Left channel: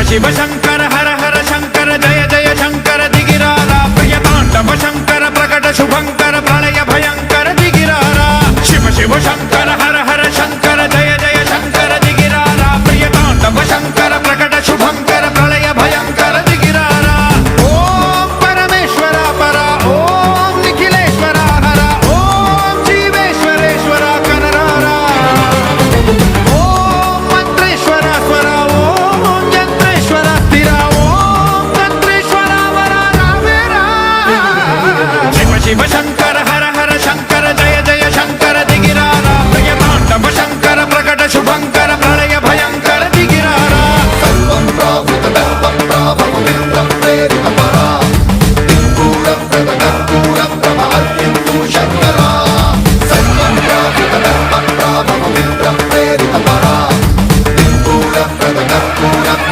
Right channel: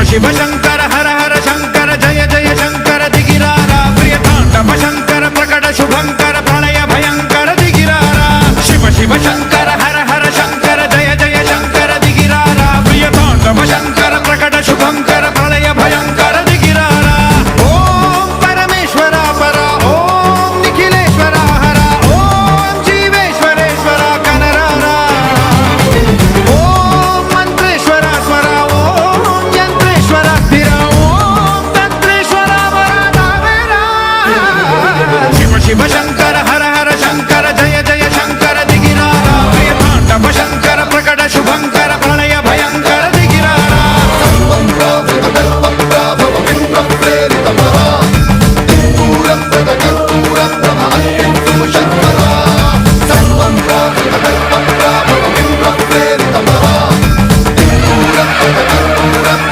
शिव शंकर हर हर शंकर जय जय शंकर दिगिरारा प्रिय तांडव शंकर प्रकट शुभंकर प्रलय भयंकर दिगिरारा शिव शिव शंकर